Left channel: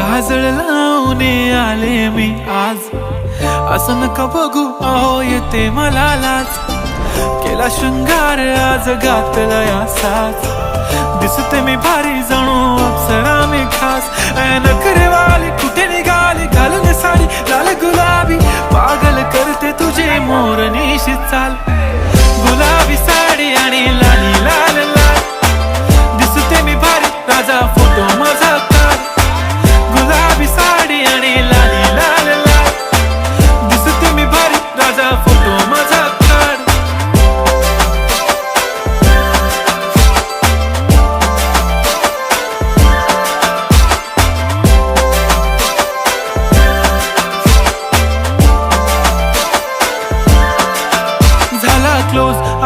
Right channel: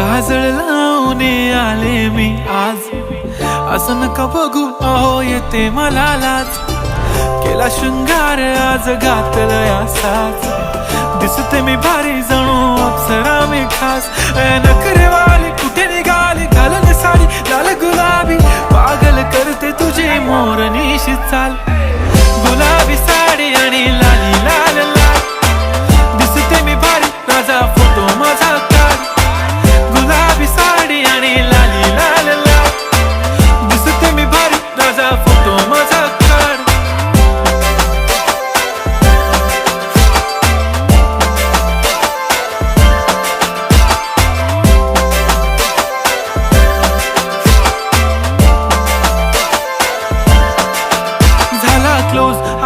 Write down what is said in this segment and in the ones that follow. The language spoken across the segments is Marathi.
काजळ लावून आले मी आज. असं नका बघू अहो येते मला लाज. केला शृंगार आज घातला असाच. दिसते मी भारी जणू अप्सरा मी खास. ए, नखरेवाली कुठे निघाली? घालून साडी लाल गुलाबी. पागल करते तुझी मोरनीशी चाल. गुलाबी साडी आणि लाली लाल लाल. मी भारी फोटो माझा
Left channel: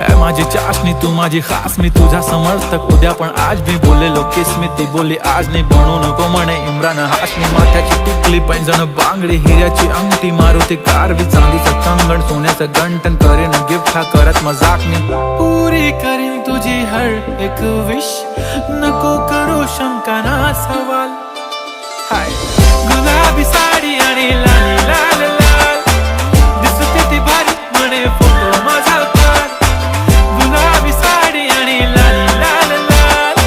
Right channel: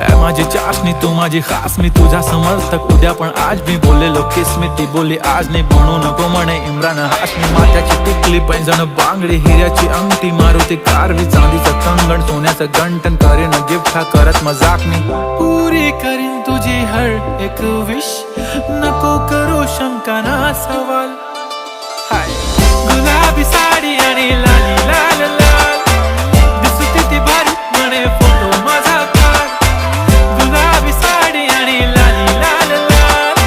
माझी चाशणी तू माझी खास मी तुझा समर्थक. उद्या पण आज मी बोललेलो किस मी ती बोली आज नाही बनू नको म्हणे इम्रान हाशमी माथ्याची टिकली पैंजण बांगडी हिऱ्याची अंगठी मारुती कारवी. चांदीचं कंगण सोन्याचं गंटन करेन गिफ्ट हा करत मजाकनी पुरी करीन तुझी हर एक विश नको करू शंका ना सवाल. हाय. गुलाबी साडी आणि लाली लाल लाल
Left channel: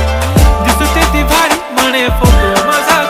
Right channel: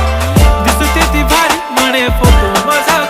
दिसते ती भारी म्हणे फोटो माझा